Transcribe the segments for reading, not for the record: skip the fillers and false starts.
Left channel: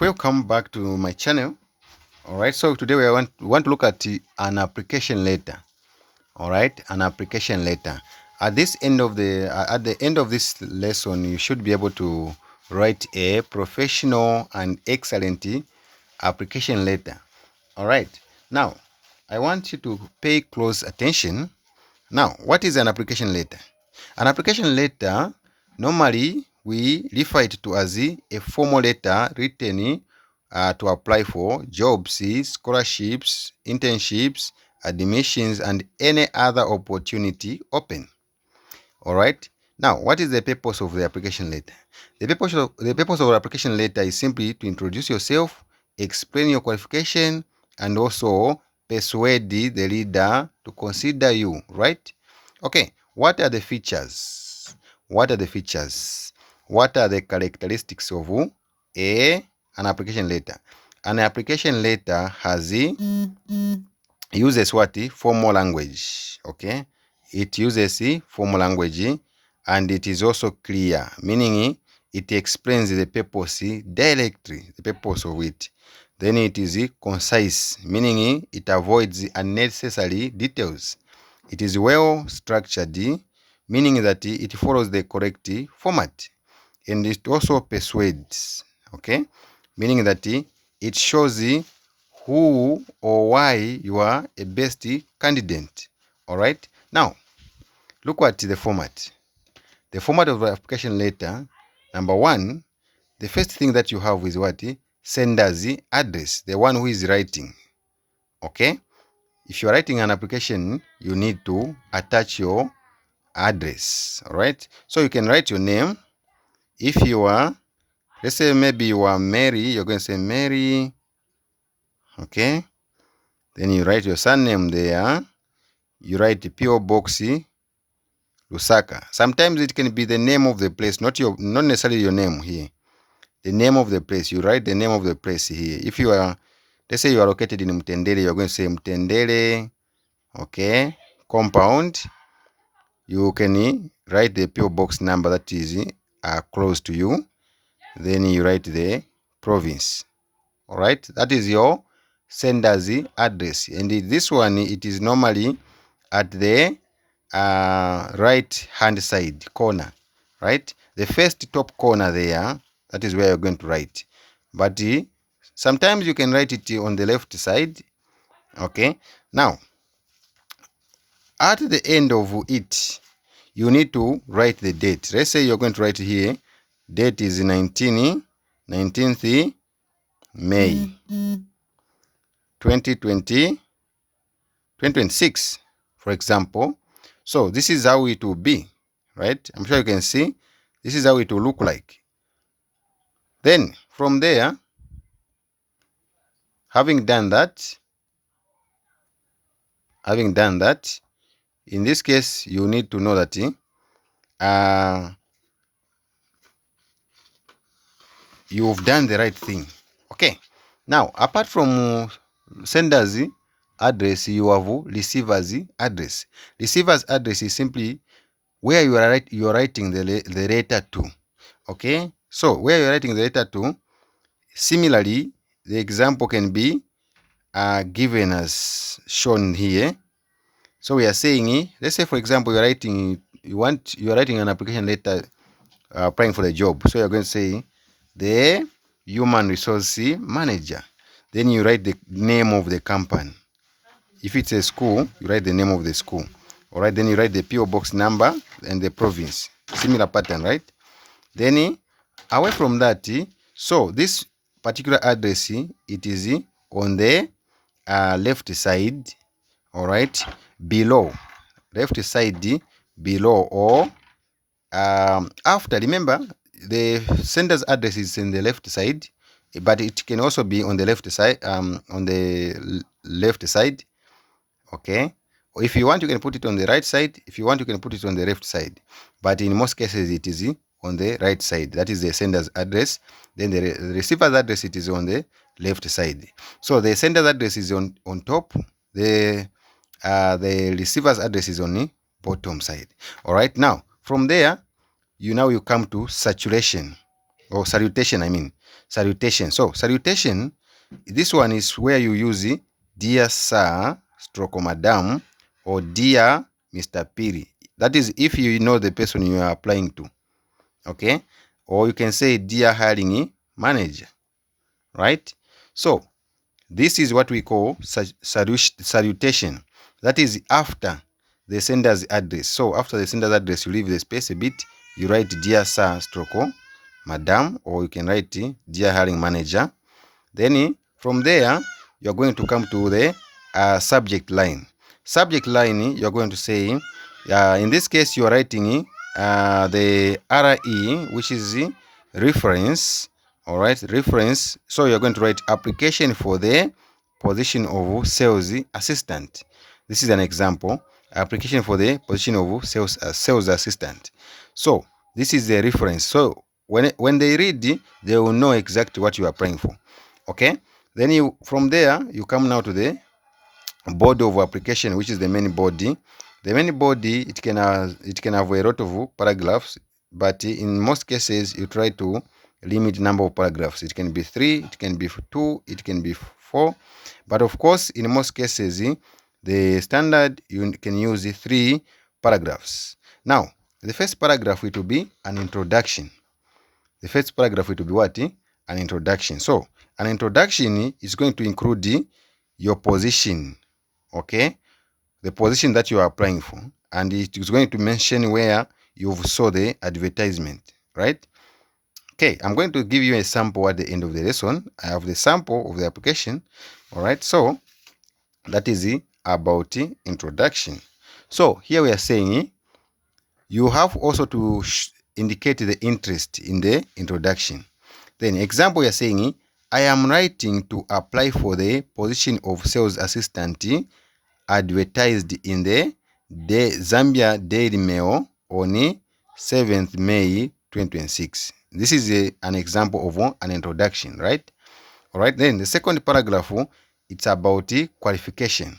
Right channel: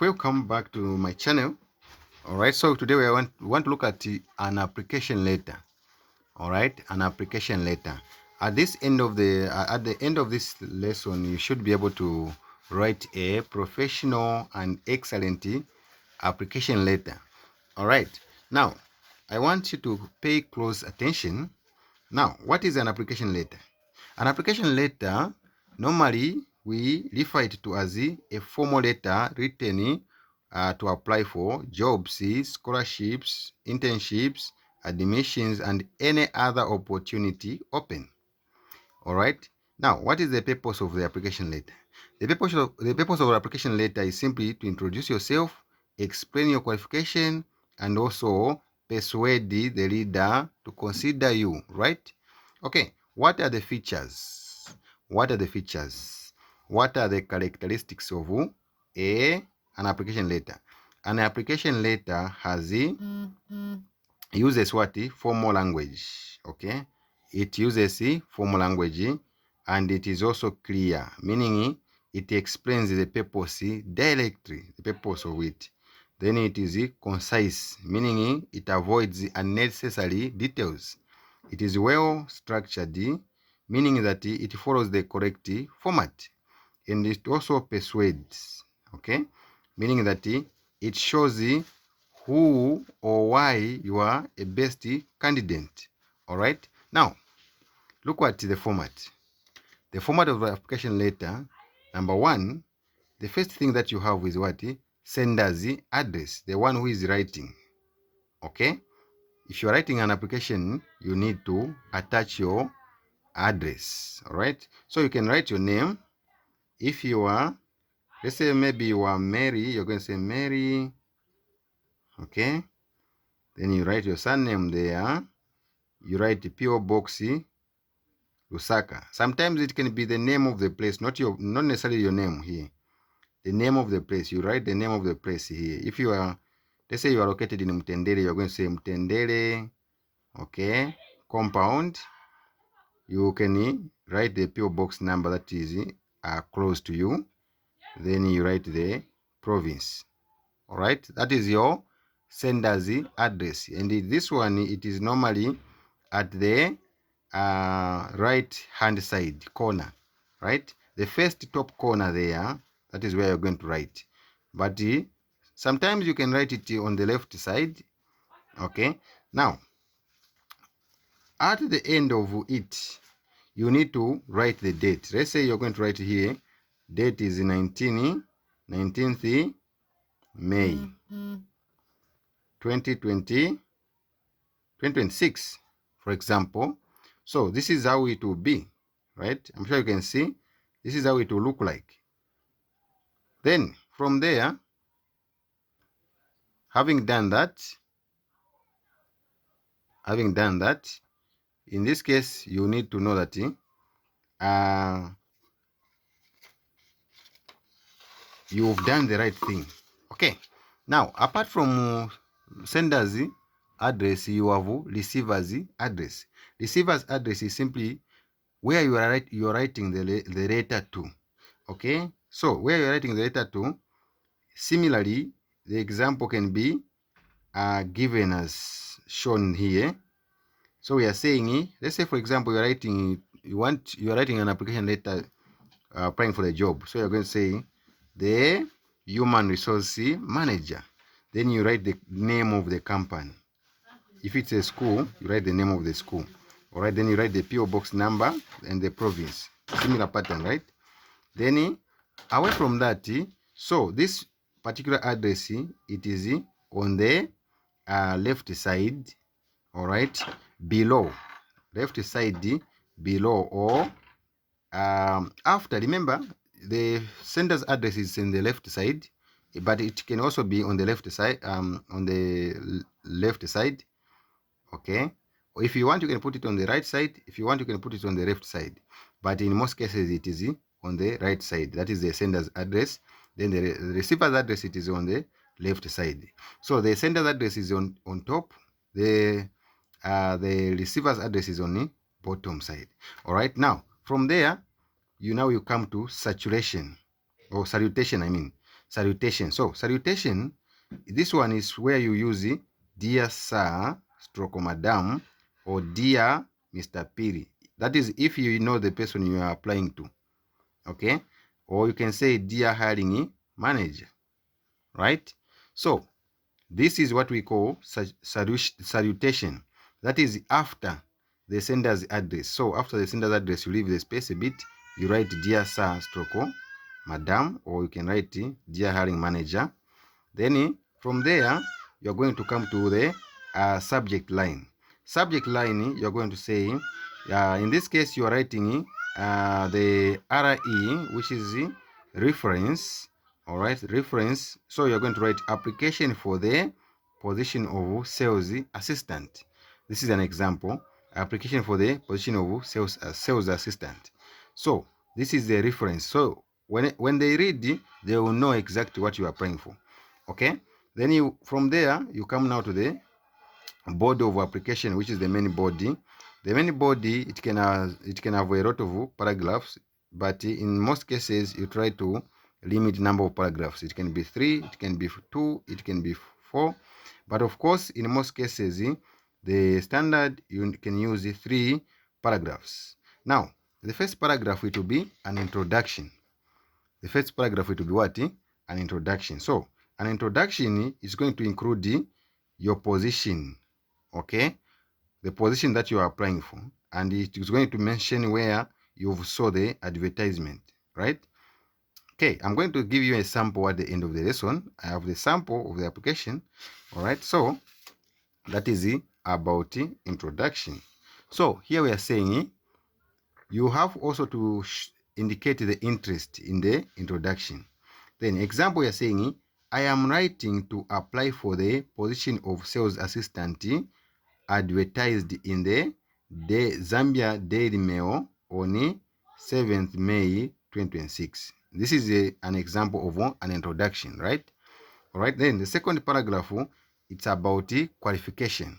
right, welcome back to my channel. All right, so today we want to look at an application letter. All right, an application letter. At the end of this lesson, you should be able to write a professional and excellent application letter. All right, now I want you to pay close attention. Now, what is an application letter? An application letter, normally we refer it to as a formal letter written to apply for jobs, scholarships, internships, admissions, and any other opportunity open. All right. Now, what is the purpose of the application letter? The purpose of the application letter is simply to introduce yourself, explain your qualification, and also persuade the reader to consider you, right? Okay, what are the features? What are the features? What are the characteristics of an application letter? An application letter uses what? Formal language. Okay, it uses formal language, and it is also clear, meaning it explains the purpose directly, the purpose of it. Then it is concise, meaning it avoids unnecessary details. It is well structured, meaning that it follows the correct format. And it also persuades, okay, meaning that it shows who or why you are a best candidate. All right, now look at the format. The format of the application letter, number one, the first thing that you have is what? Sender's address, the one who is writing. Okay, if you are writing an application, you need to attach your address. All right, so you can write your name. If you are, let's say maybe you are Mary, you're going to say Mary. Okay, then you write your surname there. You write the PO Box Lusaka. Sometimes it can be the name of the place, not necessarily your name here. The name of the place. You write the name of the place here. If you are, let's say you are located in Mtendele, you're going to say Mtendele, okay, compound. You can write the PO Box number that is close to you. Then you write the province. All right, that is your sender's address. And this one, it is normally at the right hand side corner, right? The first top corner there, that is where you're going to write. But sometimes you can write it on the left side. Okay, now at the end of it, you need to write the date. Let's say you're going to write here, date is 19th May 2026, for example. So this is how it will be, right? I'm sure you can see this is how it will look like. Then from there, having done that, in this case, you need to know that you've done the right thing. Okay, now apart from sender's address, you have receiver's address. Receiver's address is simply where you are writing the letter to. Okay, so where you're writing the letter to, similarly, the example can be given as shown here. So we are saying, let's say for example, you're writing an application letter applying for the job. So you're going to say the human resource manager. Then you write the name of the company. If it's a school, you write the name of the school. All right, then you write the PO Box number and the province. Similar pattern, right? Then away from that, so this particular address, it is on the left side. All right, below, left side below, or after. Remember, the sender's address is in the left side, but it can also be on the left side, okay. If you want, you can put it on the right side. If you want, you can put it on the left side, but in most cases it is on the right side. That is the sender's address. Then the receiver's address, it is on the left side. So the sender's address is on top. The receiver's address is on the bottom side. All right, now from there, you come to saturation, or salutation, I mean. salutation. So salutation, this one is where you use dear sir, stroke madam, or dear Mr. Piri. That is if you know the person you are applying to. Okay? Or you can say dear hiring manager. Right? So this is what we call salutation. That is after the sender's address. So after the sender's address, you leave the space a bit. You write dear sir, stroke madam, or you can write dear hiring manager. Then from there, you're going to come to the subject line. Subject line, you're going to say, in this case, you are writing the RE, which is reference. All right, reference. So you're going to write application for the position of sales assistant. This is an example. Application for the position of sales assistant. So this is the reference. So when they read, they will know exactly what you are applying for. Okay, then from there you come now to the body of application, which is the main body. The main body, it can have a lot of paragraphs, but in most cases you try to limit number of paragraphs. It can be 3, it can be 2, it can be 4, but of course in most cases the standard you can use 3 paragraphs. Now the first paragraph it will be an introduction. The first paragraph it will be what? An introduction. So an introduction is going to include your position, okay, the position that you are applying for, and it is going to mention where you saw the advertisement, right? Okay, I'm going to give you a sample at the end of the lesson. I have the sample of the application. All right, so that is about introduction. So here we are saying you have also to indicate the interest in the introduction. Then example, you are saying, I am writing to apply for the position of sales assistant advertised in the Zambia Daily Mail on 7th May 2026. This is an example of an introduction, right? All right, then the second paragraph, it's about qualification.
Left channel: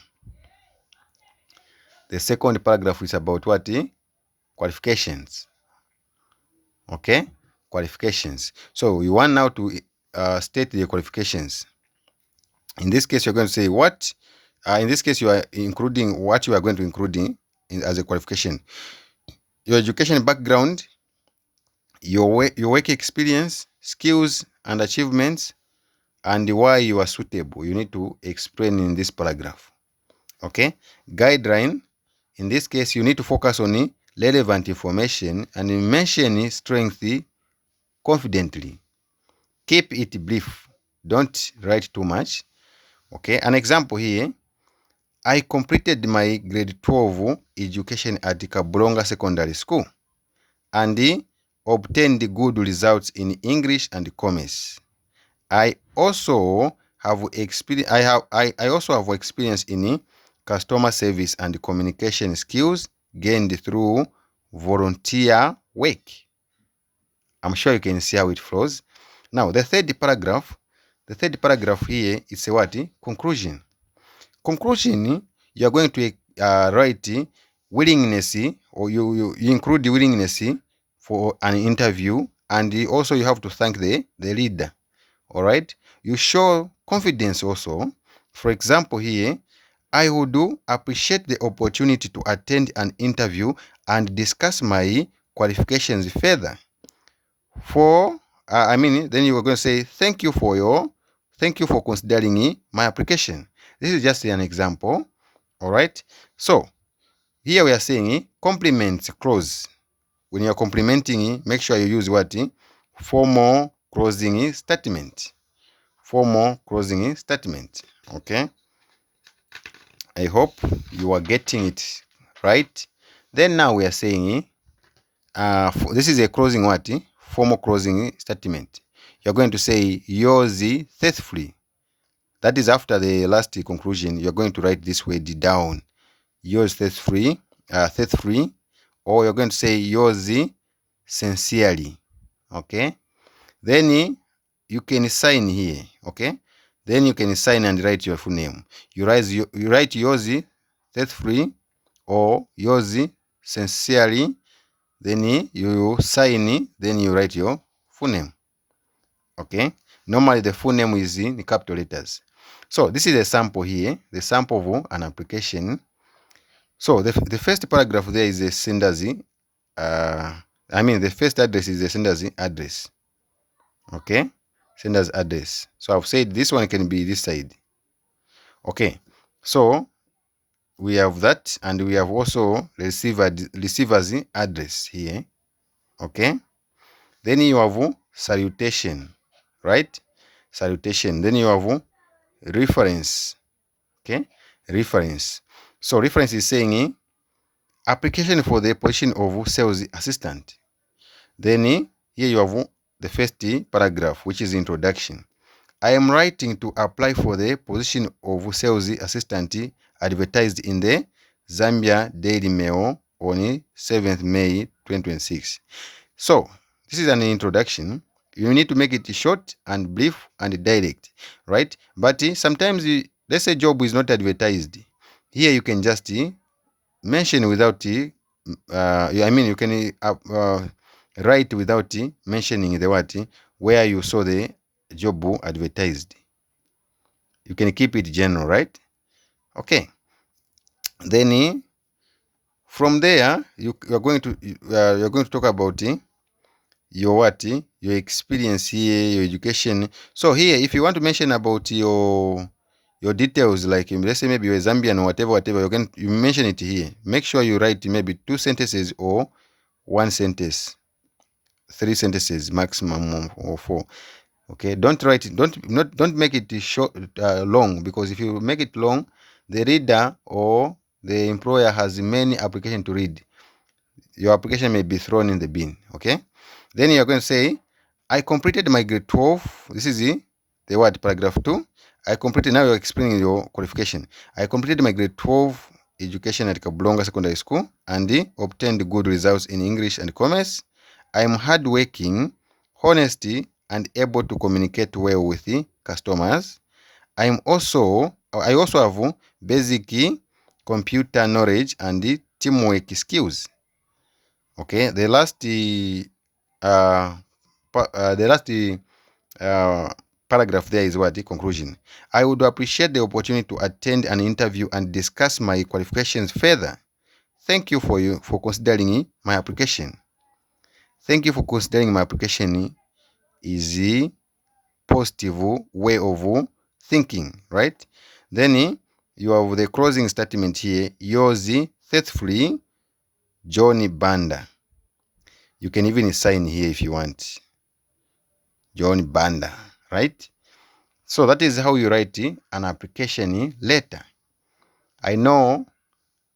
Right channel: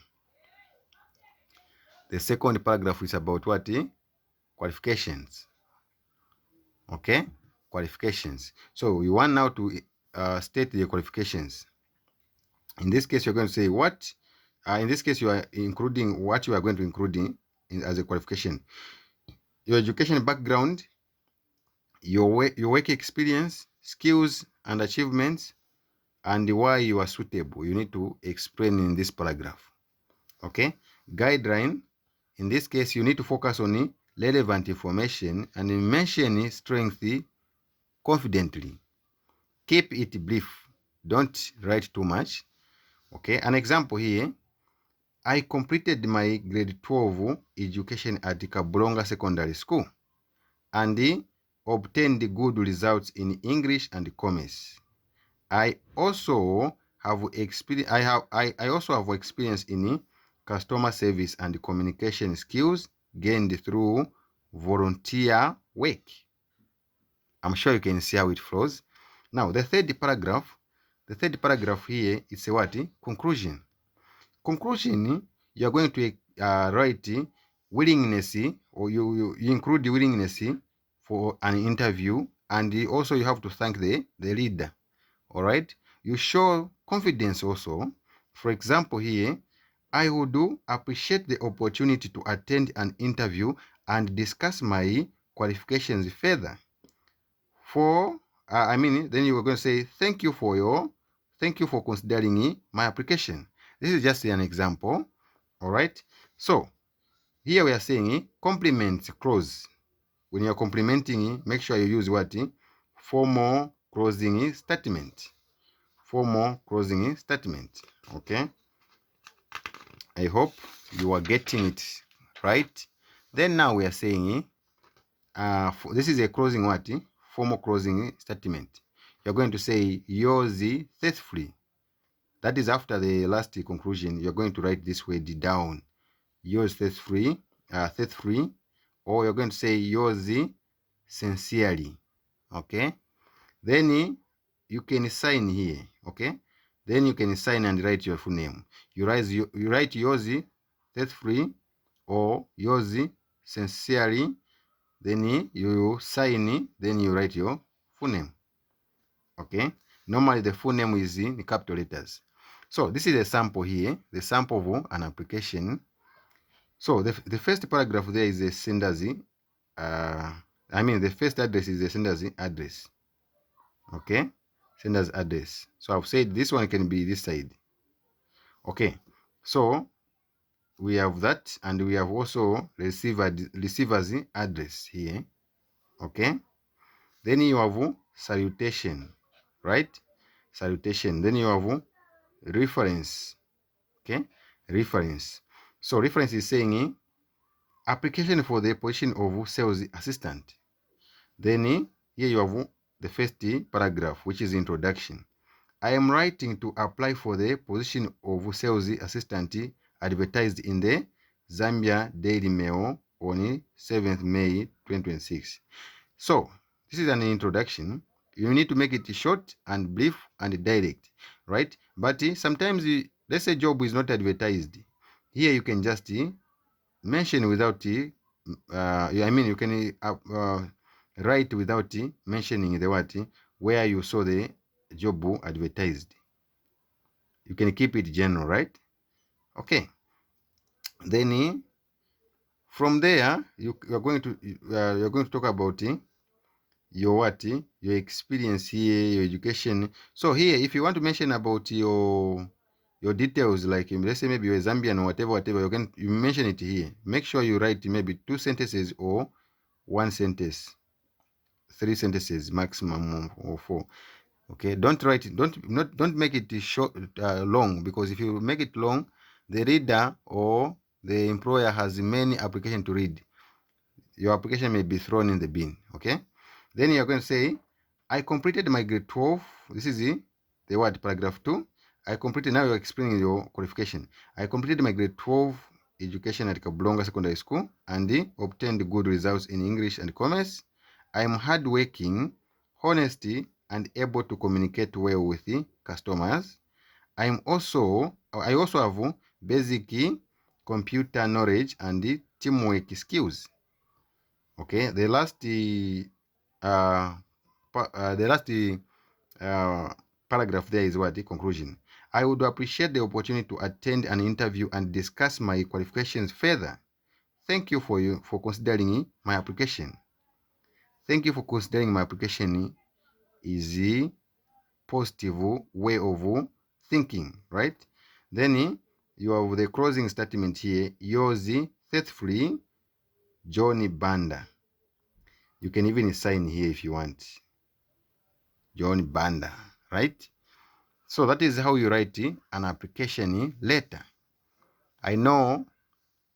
The second paragraph is about what? Qualifications. Okay, qualifications. So you want now to state the qualifications. In this case, you're going to say what? In this case, you are including what you are going to include as a qualification. Your education background, your work experience, skills and achievements, and why you are suitable. You need to explain in this paragraph. Okay, guideline. In this case, you need to focus on relevant information and mention strength confidently. Keep it brief. Don't write too much. Okay, an example here. I completed my grade 12 education at Kabulonga Secondary School and obtained good results in English and commerce. I also have experience. I also have experience in customer service and communication skills gained through volunteer work. I'm sure you can see how it flows. Now, the third paragraph here is a what? Conclusion. Conclusion, you are going to write willingness, or you include the willingness for an interview, and also you have to thank the leader. All right. You show confidence also. For example, here, I would appreciate the opportunity to attend an interview and discuss my qualifications further. Then you are going to say thank you for considering my application. This is just an example. All right. So here we are saying compliments clause. When you are complimenting, make sure you use what? Formal closing statement. Formal closing statement. Okay. I hope you are getting it right. Then now we are saying this is a closing what? Formal closing statement. You're going to say yours faithfully. That is after the last conclusion. You're going to write this word down. Yours faithfully, or you're going to say yours sincerely. Okay. Then you can sign here. Okay. Then you can sign and write your full name. You write yours faithfully or yours sincerely. Then you sign. Then you write your full name. Okay. Normally the full name is in capital letters. So this is a sample here, the sample of an application. So the first paragraph there is the sender's, the first address is the sender's address. Okay, sender's address. So I've said this one can be this side. Okay, so we have that, and we have also receiver's address here. Okay, then you have salutation, right? Salutation. Then you have reference. Okay, reference. So reference is saying application for the position of sales assistant. Then here you have the first paragraph, which is introduction. I am writing to apply for the position of sales assistant advertised in the Zambia Daily Mail on 7th May 2026. So this is an introduction. You need to make it short and brief and direct, right? But sometimes, let's say job is not advertised. Here you can just mention without, you can write without mentioning the what, where you saw the job advertised. You can keep it general, right? Okay. Then from there, you're going to talk about your what, your experience here, your education. So here, if you want to mention about your details, like let's say maybe you're a Zambian or whatever, you mention it here. Make sure you write maybe 2 sentences or 1 sentence, 3 sentences maximum, or 4. Okay, don't write it, don't make it short, long, because if you make it long, the reader or the employer has many applications to read. Your application may be thrown in the bin. Okay, then you're going to say, I completed my grade 12. This is the word, paragraph 2. I completed, now you're explaining your qualification. I completed my grade 12 education at Kabulonga Secondary School and obtained good results in English and commerce. I am hardworking, honesty, and able to communicate well with the customers. I also have basic computer knowledge and teamwork skills. Okay, the last paragraph there is what? The conclusion. I would appreciate the opportunity to attend an interview and discuss my qualifications further. Thank you for considering my application. Thank you for considering my application is a positive way of thinking, right? Then you have the closing statement here. Yours faithfully, Johnny Banda. You can even sign here if you want. John Banda, right? So that is how you write an application letter. I know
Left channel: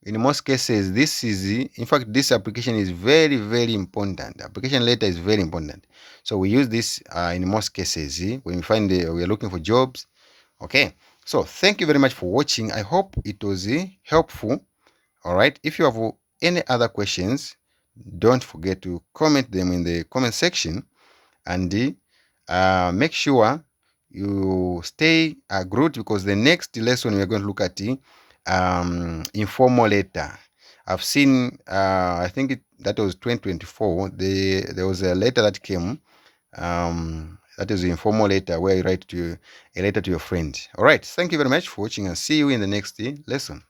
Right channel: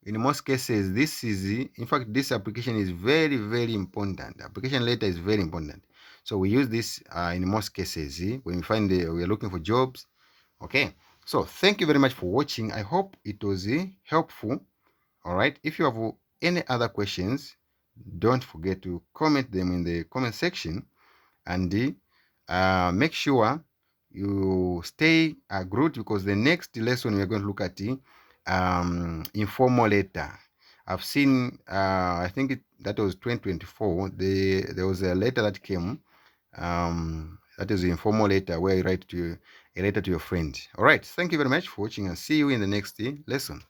in most cases this application is very, very important. The application letter is very important. So we use this in most cases when we find we are looking for jobs. Okay. So thank you very much for watching. I hope it was helpful. All right. If you have any other questions, don't forget to comment them in the comment section, and make sure you stay glued, because the next lesson we're going to look at informal letter. I've seen, I think that was 2024. There was a letter that came. That is the informal letter where you write a letter to your friend. All right. Thank you very much for watching, and see you in the next lesson.